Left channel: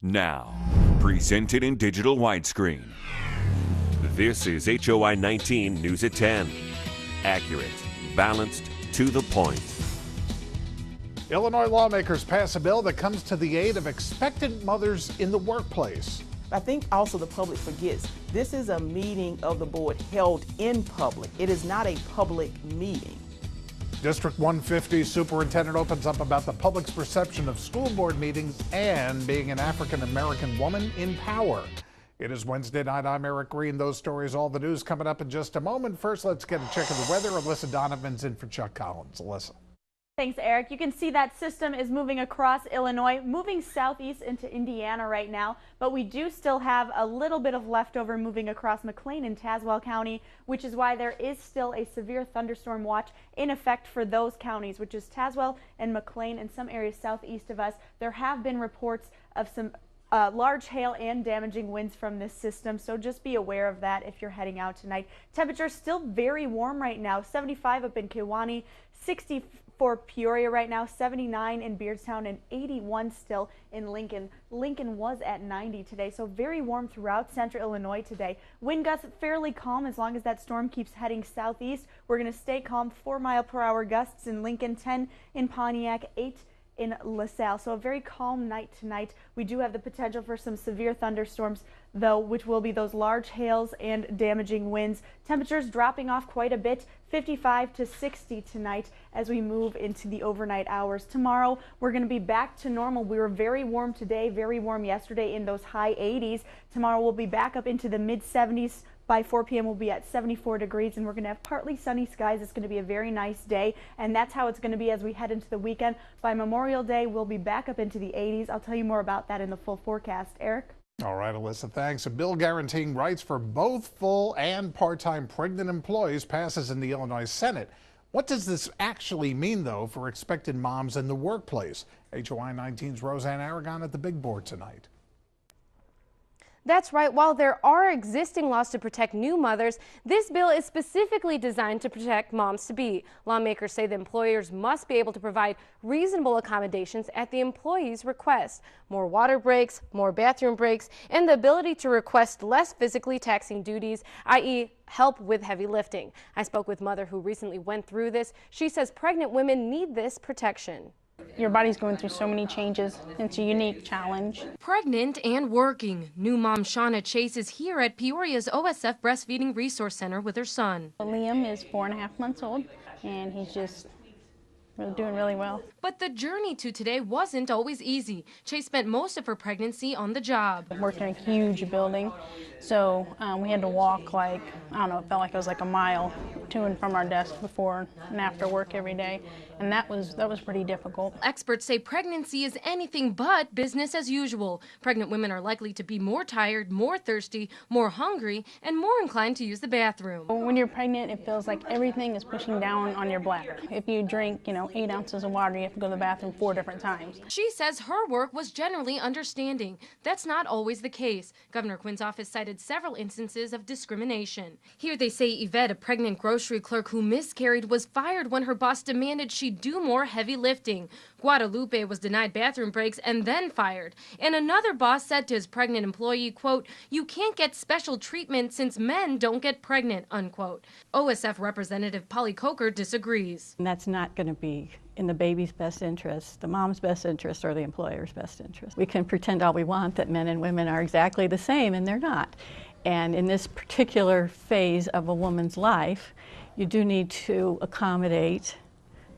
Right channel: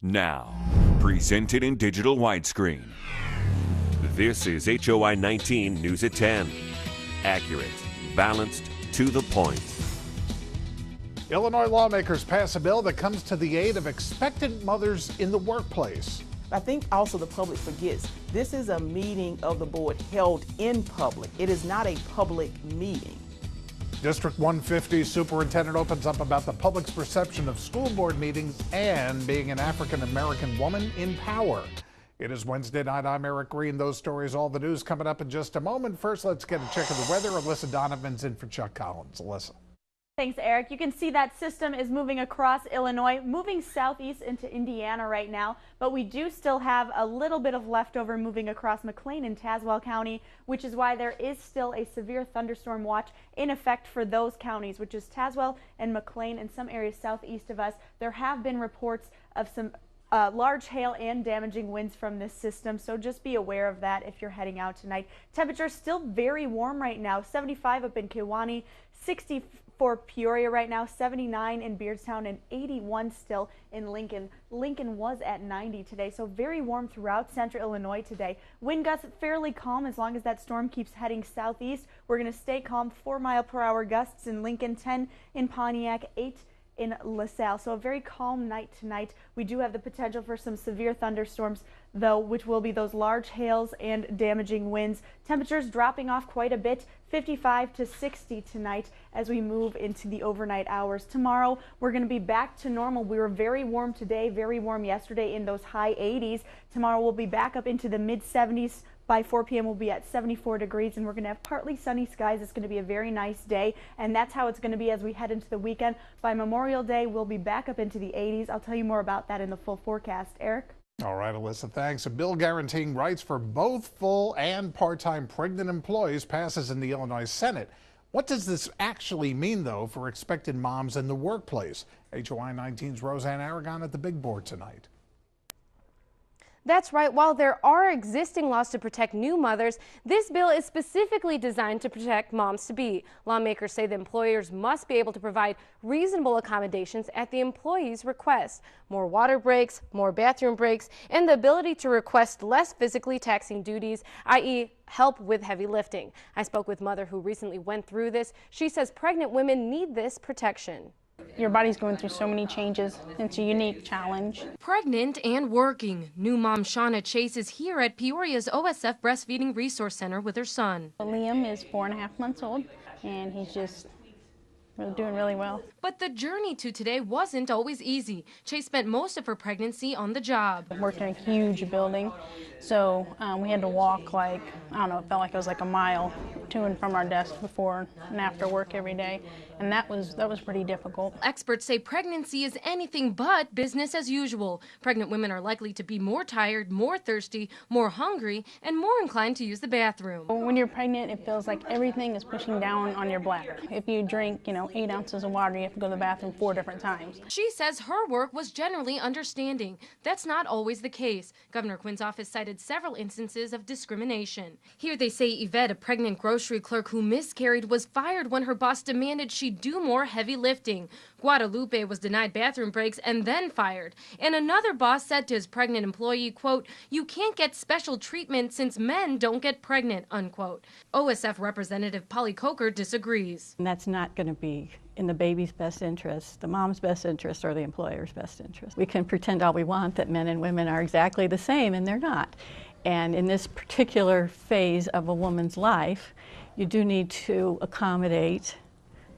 Now, presented in digital widescreen. This is HOI 19 News at 10. Accurate, balanced, to the point. Illinois lawmakers pass a bill that comes to the aid of expectant mothers in the workplace. I think also the public forgets this is a meeting of the board held in public. It is not a public meeting. District 150 superintendent opens up about the public's perception of school board meetings and being an African-American woman in power. It is Wednesday night. I'm Eric Green. Those stories, all the news coming up in just a moment. First, let's get a check of the weather. Alyssa Donovan's in for Chuck Collins. Alyssa. Thanks, Eric. You can see that system is moving across Illinois, moving southeast into Indiana right now, but we do still have a little bit of leftover moving across McLean and Tazewell County, which is why there is still a severe thunderstorm watch in effect for those counties, which is Tazewell and McLean and some areas southeast of us. There have been reports of some large hail and damaging winds from this system, so just be aware of that if you're heading out tonight. Temperature still very warm right now, 75 up in Kewanee, 60 for Peoria right now, 79 in Beardstown, and 81 still in Lincoln. Lincoln was at 90 today, so very warm throughout central Illinois today. Wind gusts fairly calm as long as that storm keeps heading southeast. We're going to stay calm, 4-mile-per-hour gusts in Lincoln, 10 in Pontiac, 8 in LaSalle. So a very calm night tonight. We do have the potential for some severe thunderstorms, though, which will be those large hails and damaging winds. Temperatures dropping off quite a bit, 55 to 60 tonight as we move into the overnight hours. Tomorrow, we're going to be back to normal. We were very warm today, very warm yesterday in those high 80s. Tomorrow, we'll be back up into the mid 70s. By 4 p.m. we'll be at 74 degrees, and we're going to have partly sunny skies. It's going to be a very nice day, and that's how it's going to be as we head into the weekend. By Memorial Day, we'll be back up into the 80s. I'll tell you more about that in the full forecast. Eric? All right, Alyssa, thanks. A bill guaranteeing rights for both full and part-time pregnant employees passes in the Illinois Senate. What does this actually mean, though, for expectant moms in the workplace? HOI 19's Roseanne Aragon at the big board tonight. That's right. While there are existing laws to protect new mothers, this bill is specifically designed to protect moms-to-be. Lawmakers say the employers must be able to provide reasonable accommodations at the employee's request. More water breaks, more bathroom breaks, and the ability to request less physically taxing duties, i.e., help with heavy lifting. I spoke with a mother who recently went through this. She says pregnant women need this protection. Your body's going through so many changes. It's a unique challenge. Pregnant and working. New mom Shauna Chase is here at Peoria's OSF Breastfeeding Resource Center with her son. Liam is 4.5 months old, and he's just doing really well. But the journey to today wasn't always easy. Chase spent most of her pregnancy on the job. I worked in a huge building, so we had to walk it felt like it was like a mile to and from our desk before and after work every day. And that was pretty difficult. Experts say pregnancy is anything but business as usual. Pregnant women are likely to be more tired, more thirsty, more hungry, and more inclined to use the bathroom. When you're pregnant, it feels like everything is pushing down on your bladder. If you drink, 8 ounces of water, you have to go to the bathroom 4 different times. She says her work was generally understanding. That's not always the case. Governor Quinn's office cited several instances of discrimination. Here they say Yvette, a pregnant grocery clerk who miscarried, was fired when her boss demanded she do more heavy lifting. Guadalupe was denied bathroom breaks and then fired. And another boss said to his pregnant employee, quote, "You can't get special treatment since men don't get pregnant," unquote. OSF Representative Polly Coker disagrees. And that's not going to be in the baby's best interest, the mom's best interest, or the employer's best interest. We can pretend all we want that men and women are exactly the same, and they're not. And in this particular phase of a woman's life, you do need to accommodate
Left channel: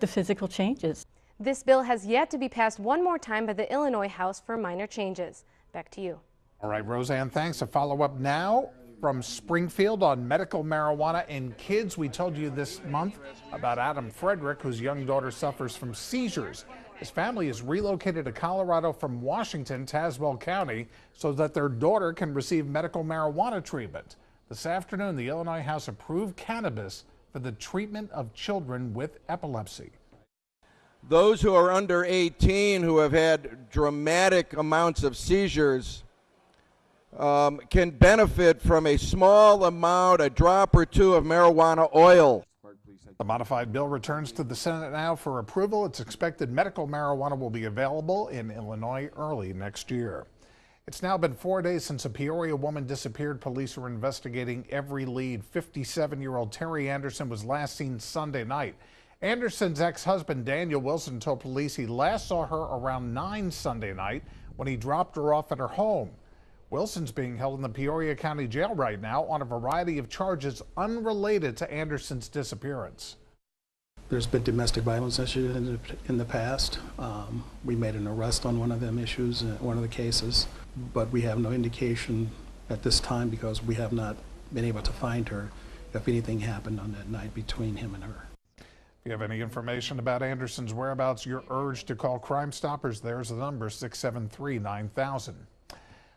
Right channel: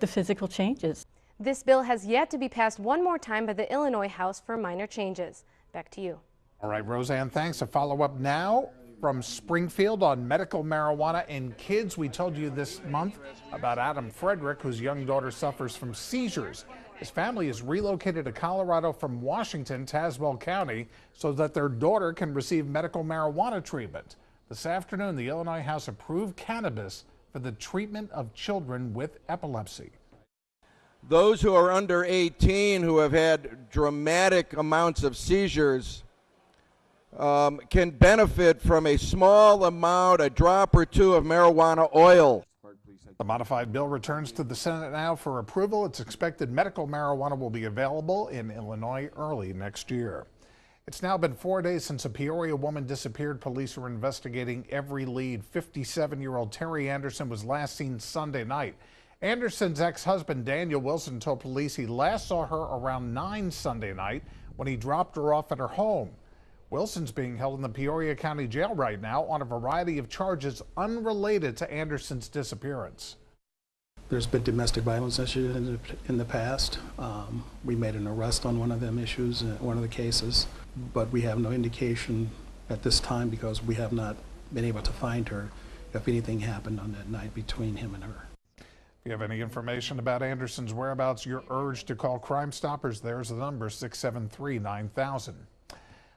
the physical changes. This bill has yet to be passed one more time by the Illinois House for minor changes. Back to you. All right, Roseanne, thanks. A follow-up now from Springfield on medical marijuana in kids. We told you this month about Adam Frederick, whose young daughter suffers from seizures. His family is relocated to Colorado from Washington, Tazewell County, so that their daughter can receive medical marijuana treatment. This afternoon, the Illinois House approved cannabis for the treatment of children with epilepsy. Those who are under 18 who have had dramatic amounts of seizures can benefit from a small amount, a drop or two of marijuana oil. The modified bill returns to the Senate now for approval. It's expected medical marijuana will be available in Illinois early next year. It's now been 4 days since a Peoria woman disappeared. Police are investigating every lead. 57-year-old Terry Anderson was last seen Sunday night. Anderson's ex-husband Daniel Wilson told police he last saw her around 9 Sunday night when he dropped her off at her home. Wilson's being held in the Peoria County Jail right now on a variety of charges unrelated to Anderson's disappearance. There's been domestic violence issues in the past. We made an arrest on one of them issues, one of the cases, but we have no indication at this time because we have not been able to find her if anything happened on that night between him and her. If you have any information about Anderson's whereabouts, you're urged to call Crime Stoppers. There's the number, 673-9000.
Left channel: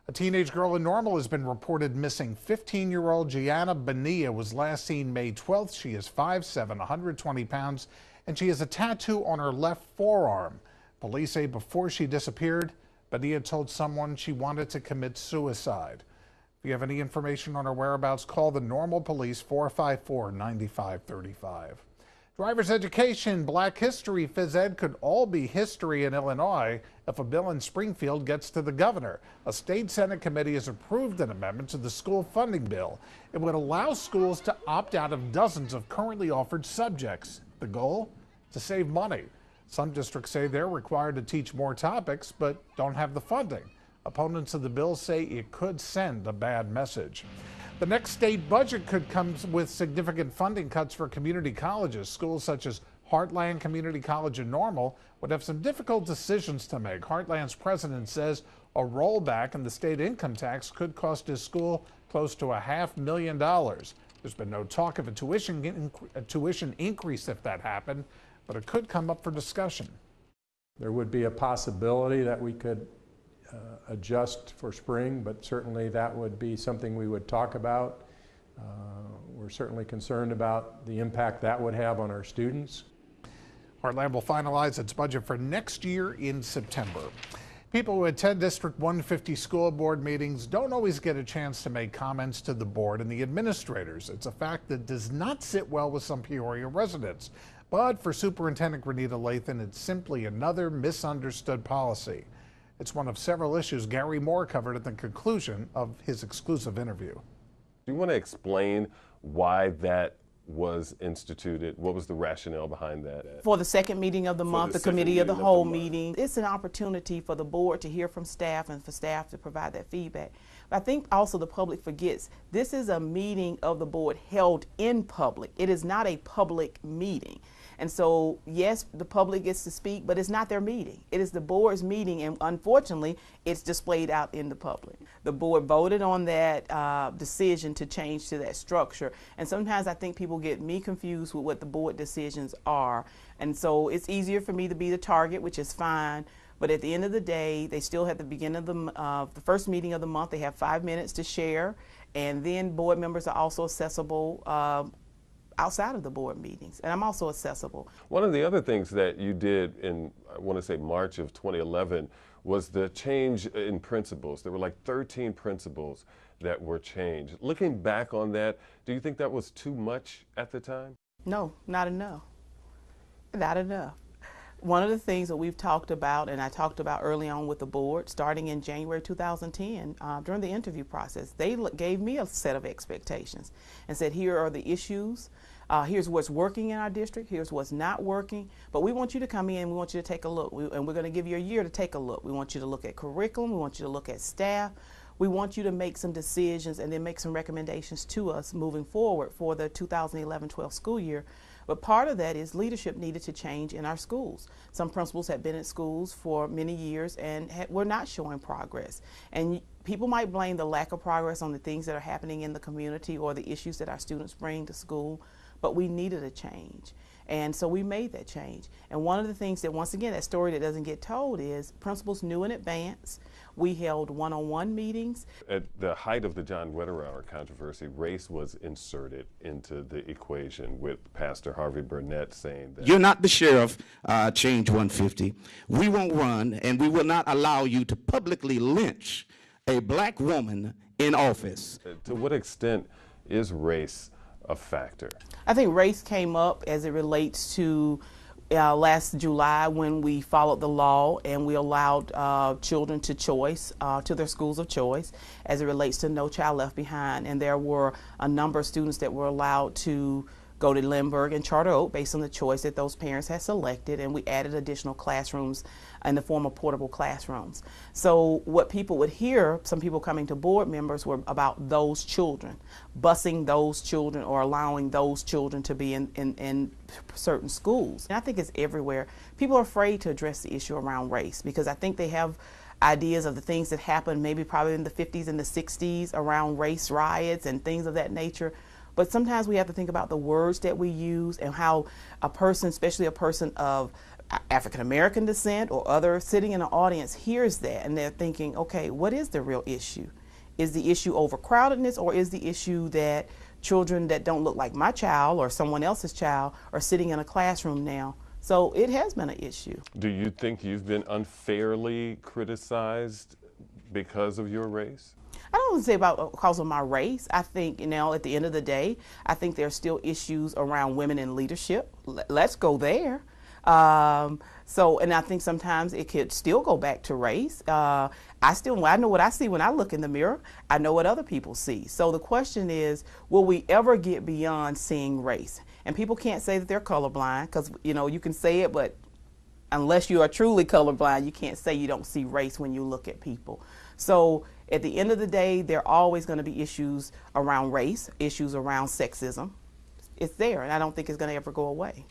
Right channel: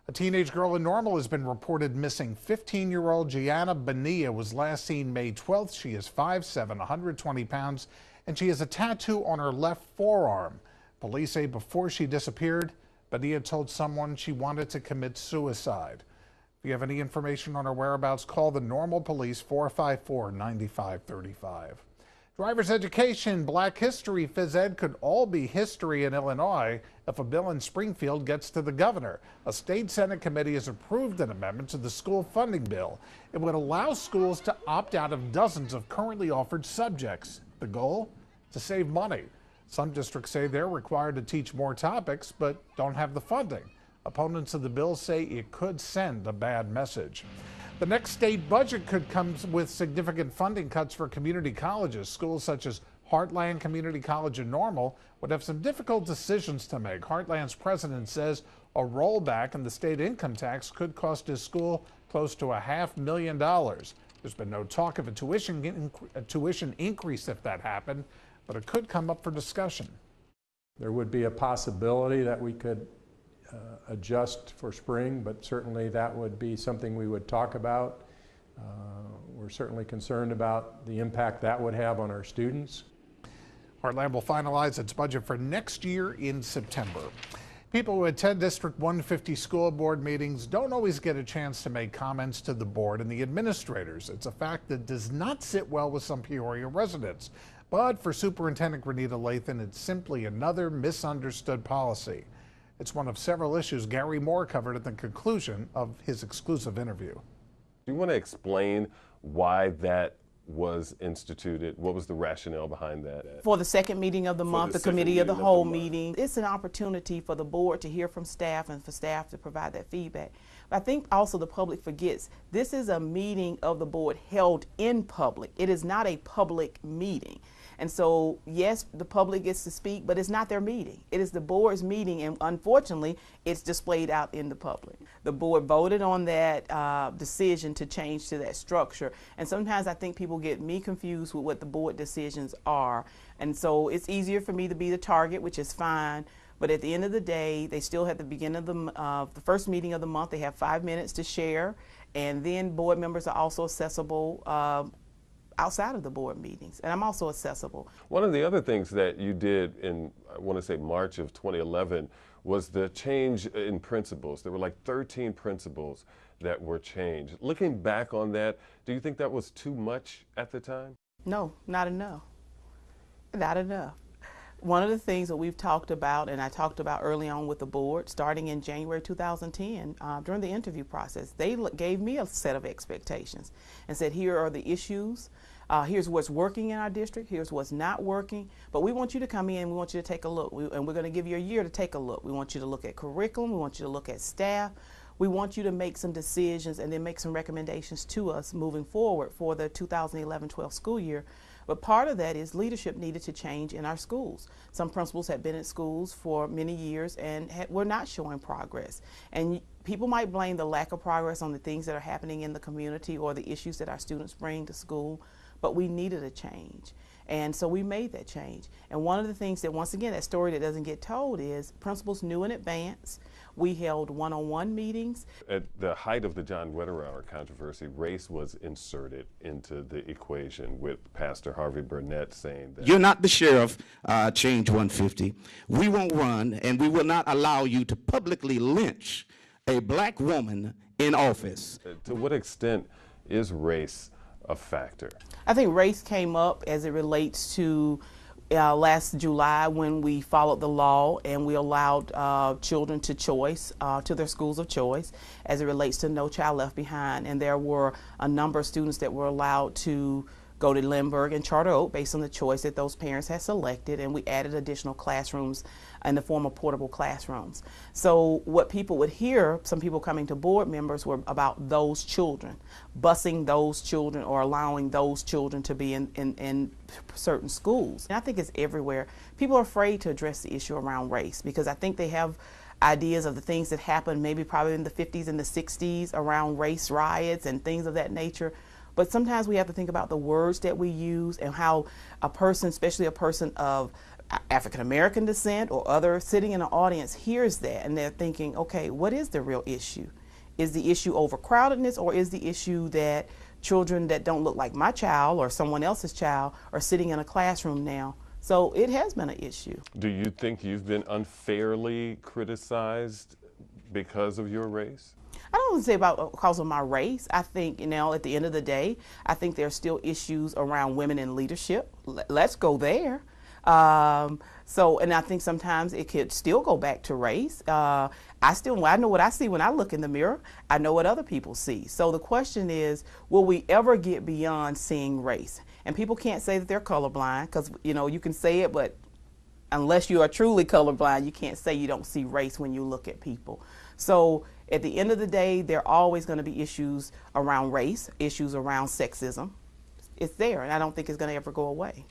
A teenage girl in Normal has been reported missing. 15-year-old Gianna Bonilla was last seen May 12th. She is 5'7", 120 pounds, and she has a tattoo on her left forearm. Police say before she disappeared, Bonilla told someone she wanted to commit suicide. If you have any information on her whereabouts, call the Normal Police, 454-9535. Driver's education, Black history, phys ed could all be history in Illinois if a bill in Springfield gets to the governor. A state Senate committee has approved an amendment to the school funding bill. It would allow schools to opt out of dozens of currently offered subjects. The goal? To save money. Some districts say they're required to teach more topics but don't have the funding. Opponents of the bill say it could send a bad message. The next state budget could come with significant funding cuts for community colleges. Schools such as Heartland Community College in Normal would have some difficult decisions to make. Heartland's president says a rollback in the state income tax could cost his school close to $500,000. There's been no talk of a tuition increase if that happened, but it could come up for discussion. There would be a possibility that we could adjust for spring, but certainly that would be something we would talk about. We're certainly concerned about the impact that would have on our students. Heartland will finalize its budget for next year in September. People who attend District 150 school board meetings don't always get a chance to make comments to the board and the administrators. It's a fact that does not sit well with some Peoria residents. But for Superintendent Granita Lathan, it's simply another misunderstood policy. It's one of several issues Gary Moore covered at the conclusion of his exclusive interview. Do you want to explain why that was instituted? What was the rationale behind that? For the second meeting of the month, the committee of the whole meeting, it's an opportunity for the board to hear from staff and for staff to provide that feedback. But I think also the public forgets this is a meeting of the board held in public. It is not a public meeting. And so, yes, the public gets to speak, but it's not their meeting. It is the board's meeting, and unfortunately, it's displayed out in the public. The board voted on that decision to change to that structure, and sometimes I think people get me confused with what the board decisions are. And so it's easier for me to be the target, which is fine, but at the end of the day, they still have the beginning of the first meeting of the month. They have 5 minutes to share, and then board members are also accessible outside of the board meetings, and I'm also accessible. One of the other things that you did in, I want to say, March of 2011 was the change in principles. There were like 13 principles that were changed. Looking back on that, do you think that was too much at the time? No, not enough. Not enough. One of the things that we've talked about, and I talked about early on with the board, starting in January 2010, during the interview process, they gave me a set of expectations and said, here are the issues, here's what's working in our district, here's what's not working, but we want you to come in, we want you to take a look, and we're going to give you a year to take a look. We want you to look at curriculum, we want you to look at staff, we want you to make some decisions and then make some recommendations to us moving forward for the 2011-12 school year. But part of that is leadership needed to change in our schools. Some principals have been at schools for many years and were not showing progress. And people might blame the lack of progress on the things that are happening in the community or the issues that our students bring to school, but we needed a change. And so we made that change. And one of the things that, once again, that story that doesn't get told is principals knew in advance. We held one-on-one meetings. At the height of the John Wetterauer controversy, race was inserted into the equation with Pastor Harvey Burnett saying that— You're not the sheriff, Change 150. We won't run, and we will not allow you to publicly lynch a black woman in office. To what extent is race a factor? I think race came up as it relates to last July when we followed the law and we allowed children to choice, to their schools of choice as it relates to No Child Left Behind. And there were a number of students that were allowed to go to Lindbergh and Charter Oak based on the choice that those parents had selected, and we added additional classrooms in the form of portable classrooms. So what people would hear, some people coming to board members, were about those children, busing those children or allowing those children to be in certain schools. And I think it's everywhere. People are afraid to address the issue around race because I think they have ideas of the things that happened maybe probably in the 50s and the 60s around race riots and things of that nature. But sometimes we have to think about the words that we use and how a person, especially a person of African American descent or other sitting in an audience, hears that and they're thinking, okay, what is the real issue? Is the issue overcrowdedness, or is the issue that children that don't look like my child or someone else's child are sitting in a classroom now? So it has been an issue. Do you think you've been unfairly criticized because of your race? I don't want to say about because of my race. I think, at the end of the day, I think there are still issues around women in leadership. Let's go there. And I think sometimes it could still go back to race. I know what I see when I look in the mirror. I know what other people see. So the question is, will we ever get beyond seeing race? And people can't say that they're colorblind because, you can say it, but unless you are truly colorblind, you can't say you don't see race when you look at people. So at the end of the day, there are always going to be issues around race, issues around sexism. It's there, and I don't think it's going to ever go away.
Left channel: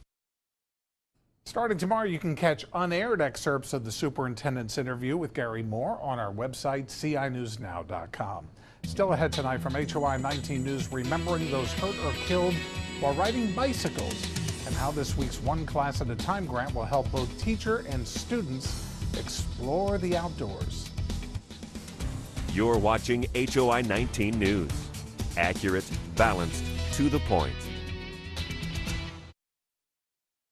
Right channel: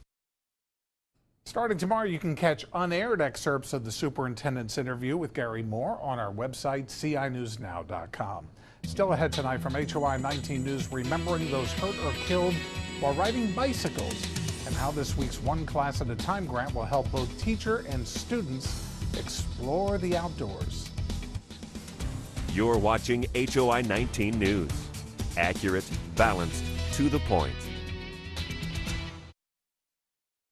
Starting tomorrow, you can catch unaired excerpts of the superintendent's interview with Gary Moore on our website, cinewsnow.com. Still ahead tonight from HOI 19 News, remembering those hurt or killed while riding bicycles, and how this week's One Class at a Time grant will help both teacher and students explore the outdoors. You're watching HOI 19 News. Accurate, balanced, to the point.